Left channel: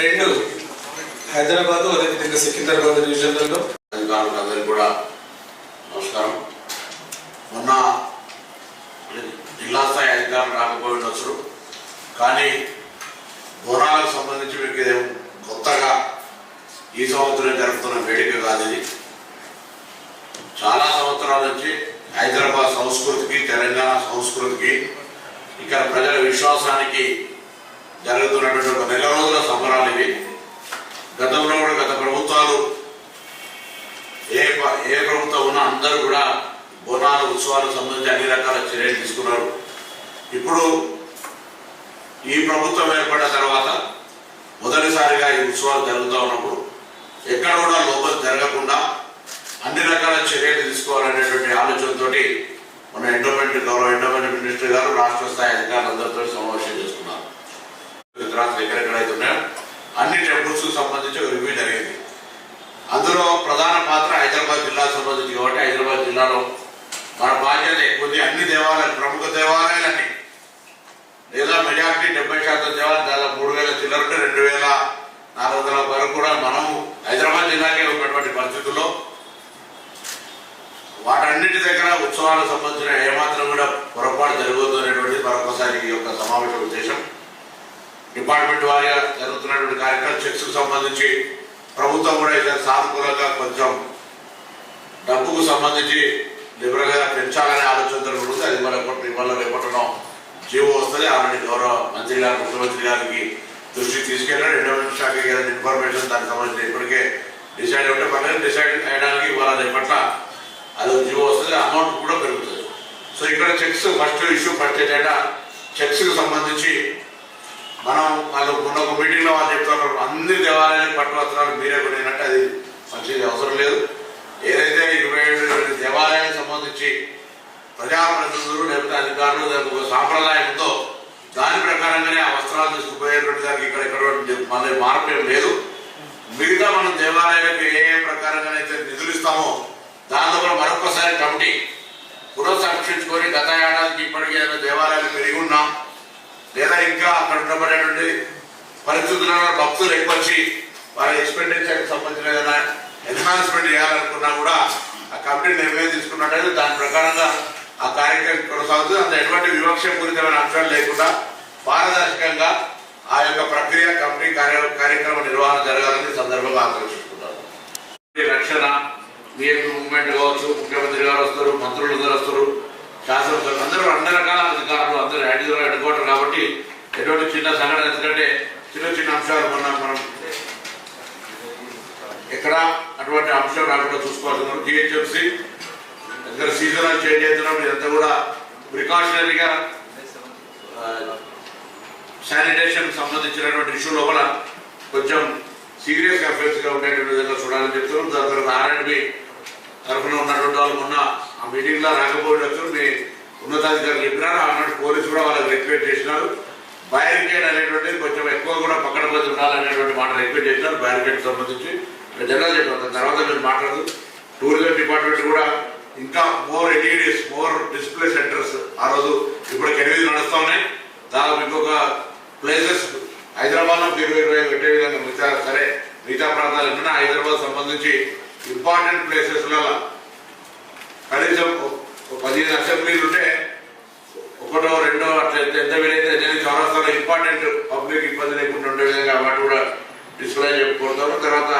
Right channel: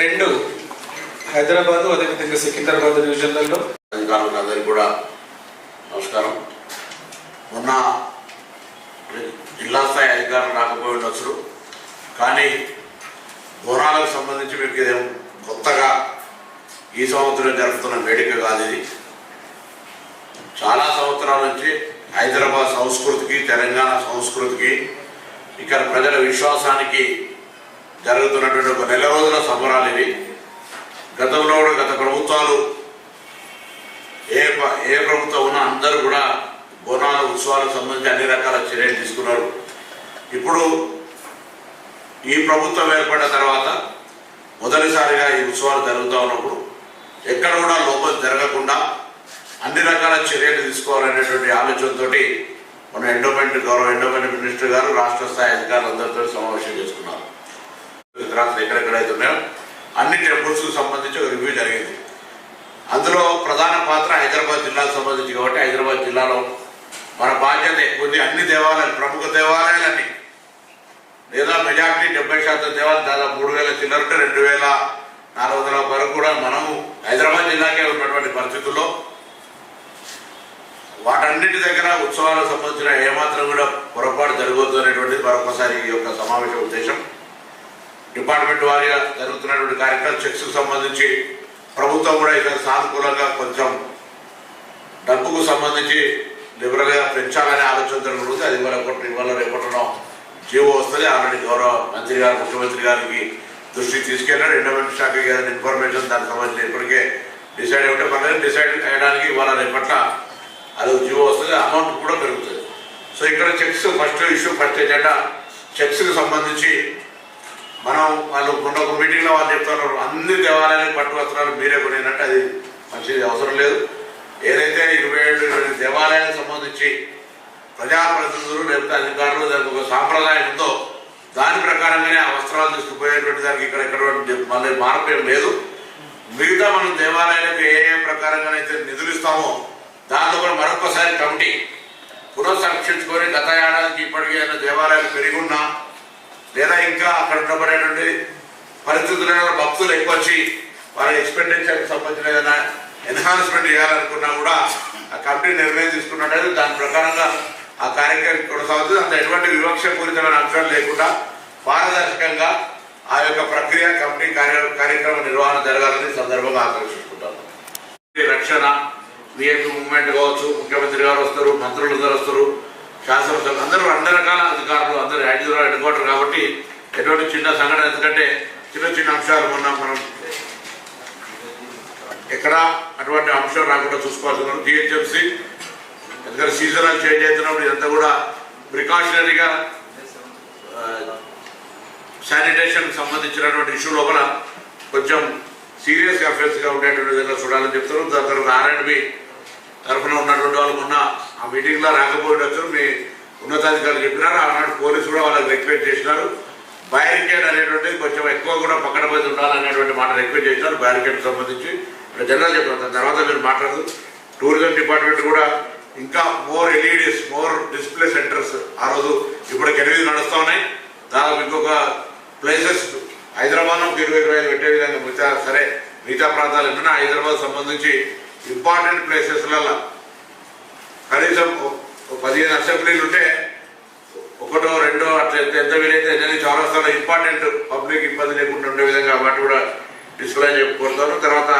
రెండు హైదరాబాద్ అదేవిధంగా సికింద్రాబాద్ డివిజన్లలో. అధికారులకు అందరికీ కూడా నమస్కారం. మొన్న జిల్లా స్థాయి అధికారులు రాకపోయి ఉండొచ్చు. కానీ బోనాలకు సంబంధించి మీకు ఇదేం కొత్తగా ఈ సంవత్సరం జరుగుతున్న వేడుక కాదు ఇది. చాలా సంవత్సరాల నుంచి హైదరాబాద్ సంస్కృతికి తెలంగాణ సంస్కృతికి ఇక్కడ ప్రజల విశ్వాసానికి జరుగుతున్నటువంటి ఒక నెల రోజుల సంబరాలు ఇవి. గతంలో కూడా గత ప్రభుత్వాలు ఏ ఏ ప్రభుత్వం ఉన్నా అందరూ కూడా బోనాల ఉత్సవాలకు సంబంధించి అన్ని రకాల చర్యలు తీసుకున్నారు. ఇప్పుడు ఈ ప్రభుత్వం ఏర్పడిన తర్వాత మొదటిసారిగా ఈ ఉత్సవాలు జరుగుతూ ఉన్నప్పుడు ఎక్కడ కూడా లోపం జరగకుండా అన్ని రకాల చర్యలు తీసుకోవాలనేటువంటి ఆలోచనతో మన ఎండోమెంట్ గౌరవ ఎండోమెంట్ మినిస్టర్ గారు రాష్ట్ర స్థాయి అధికారులందరితో సమావేశం చేసుకున్నారు. గుజరాత్ ఎక్కడెక్కడైతే ఉన్నాయో అన్ని టెంపుల్స్కు సంబంధించి ఒక రివ్యూ జరిగింది. అందులో ప్రధాన పాత్ర హైదరాబాద్ జిల్లాకు సంబంధించి కాబట్టి హైదరాబాద్ జిల్లాలో మన బాధ్యత ఎక్కువ అన్ని దేవాలయాలు ప్రముఖ దేవాలయాలన్నీ. లేదా మెజార్టీ డెబ్బై శాతం దేవాలయం దాదాపు మూడు వేల చిల్లరంటే రెండు వేల నాలుగు వందల వరకు కూడా మనము హైదరాబాద్ జిల్లాకే ఉన్నటువంటి పరిస్థితుల్లో వాటన్నిటి దగ్గర ఉత్సవాలకు సంబంధించిన ఏమాత్రం కూడా పొరపాటు జరగవద్దు అనేటువంటిది మరొకసారి ఈ యొక్క సమావేశ ఉద్దేశం. డిపార్ట్మెంట్ వారిగా జరుగుతున్నటువంటి కార్యక్రమం చెక్స్కు సంబంధించి ప్రభుత్వం కూడా ఇక్కడ సానుకూలంగా కొంచెం డబ్బుకు సంబంధించి లిబరల్ పెంచాలనే ఆలోచన జరుగుతుంది అది ఇవాళ రేపటి- ఇవాళ రేపట్టడం జీవో వస్తుంది. ఆల్రెడీ గౌరవ మంత్రి గారు ముఖ్యమంత్రి గారికి దృష్టికి తీసుకెళ్ళాడు ఎండోమెంట్ శాఖ గారి ఇన్ఫర్మేషన్ దానికి సంబంధించి ఇప్పటికే డిసైడ్ అయ్యే పర్లేదు. డిసైడ్ చేయడానికి ఇవాళ రేపట్ల అది జీవో వస్తుంది. అమౌంట్ కూడా పెరుగుతుంది. సో ఇక్కడ చెక్స్ ఫస్ట్ ఇష్యూ ఫస్ట్ ఏంటంటే చెక్స్కి సంబంధించి మనం వాళ్ళు ఉన్న ఒక మీటింగ్లో వాళ్ళు చెప్తున్నారు అన్ని దేవాలయాలు పట్టు వస్త్రాలు మీరే కొనినట్టు అది మంచిది అవసరం లేదు. ఏదైతే ఇరవై ఏడు దేవాలయాలకు సంబంధించి ప్రజాప్రతినిధులు లేకపోతే అధికారులు దానికి ఒక సాంప్రదాయం ఉందో దాని ప్రకారంగానే ఆ వస్త్రాలు తీసుకుపోయేటువంటి దానికి ఇక్కడ ఎక్కడ మళ్ళీ మార్పు ఏం లేదు. మిగతా మనం దేవాలయాలకు ఏ ఏ ప్రకారంగానైతే నిధులు ఇస్తామో దాంట్లో కూడా మరొకసారి కమిటీ పునఃసంక్షించుకొని గత ఏడాదికి ఇప్పటికే దేవాలయాలు పెరిగి ఉన్నాం లేదా ఇంకా అక్కడ ఉన్నటువంటి పరిస్థితుల్లో భక్తులు ఎక్కువ వచ్చి వారి ఎక్స్పెండిచర్ సంబంధించిన ఏదైనా ఎన్హాన్స్మెంట్ చేయాలనుకున్నా కూడా ఆ కమిటీ నిర్ణయం తీసుకున్నట్టయితే దాని ప్రకారంగా ఆ కార్యక్రమం కొనసాగుతుంది. అంత ఎటువంటి వివక్షపూరితమైన అంశాలు లేకుండా పారదర్శకంగా ఆ యొక్క ప్రక్రియ కమిటీ కార్యక్రమ నిర్వహణ జరగాలని సందర్భంగా ఆకర్షించుకుంటాను రక్షణ నియర్ మూవ్మెంట్ కావచ్చు ముఖ్యమంత్రి గారు వస్తారు మంత్రులు వస్తారు. శాసనసభ అందరూ అన్ని రకాల అధికారులు అందరూ హైదరాబాద్ అడ్డుకోవటం కాబట్టి ఎటువంటి చిన్న సంఘటన ఎందుకంటే చిన్న చిన్న అంశాలు మొన్న మనం ఎక్కడ అటువంటి అంశం రాకుండా చూసుకోవాల్సిన టీహెచ్ఎంసీ ఎందుకంటే సీజనల్ చేంజ్ అవుతున్నాం ఇదంతా కూడా ప్రికాషనరీగా శానిటేషన్ సంబంధించినటువంటి ఇష్యూ లోపల కొంచెం సీరియస్ అఫేర్స్గా ఉండేటువంటి విధంగా చూడాలని చెప్తున్నారు దాని తర్వాత ఆర్ఎండ్బి తరఫున ఉన్నటువంటి వాళ్ళు మొన్న ఆ మీటింగ్లో రాకపోవచ్చు మీ ఉన్నతాధికారులు చెప్పినారు. ఆనాడు పోలీసు కూడా వాళ్ళకి రిక్వెస్ట్ చేసినారు. బ్యారికేడ్ అనేటువంటి కొంచెం ఎక్కువ కూడా పక్కన పోయి ఉండాలనేటువంటి మాట రిక్వెస్ట్ చేసినారు బ్యారికేడ్ సంబంధించి. జనరల్ చెప్పారు తర్వాత మీరు మాట్లాడదు. టూరిజం డిపార్ట్మెంట్ కూడా ఇంకా more LEDs more display centres ఆ రోజు ఇప్పటికి ఎనిమిది నడుస్తా ఉన్నాయి. దాదాపు ఇంకొక ప్లేసెస్ హైదరాబాద్లో ఇరవై ఇరవై ఐదు పెట్టే విధంగా మిగతా సరే మిగతా ప్రాంతాలు ఏమైనా హైదరాబాద్ సంబంధించి ఇంపార్టెంట్ ప్లేసెస్ కనీసం ఓ- పదిహేను అసెంబ్లీలు ఉంటే ఒకటో రెండో అట్లా ఎంత వీలైతే నేను చౌరస్తాలో ఇంపార్టెంట్ పబ్లిక్ ఇబ్బంది లేకుండా ఉండే విధంగా వాటి కూడా డిస్ప్లే చెప్పుకుంటారు తర్వాత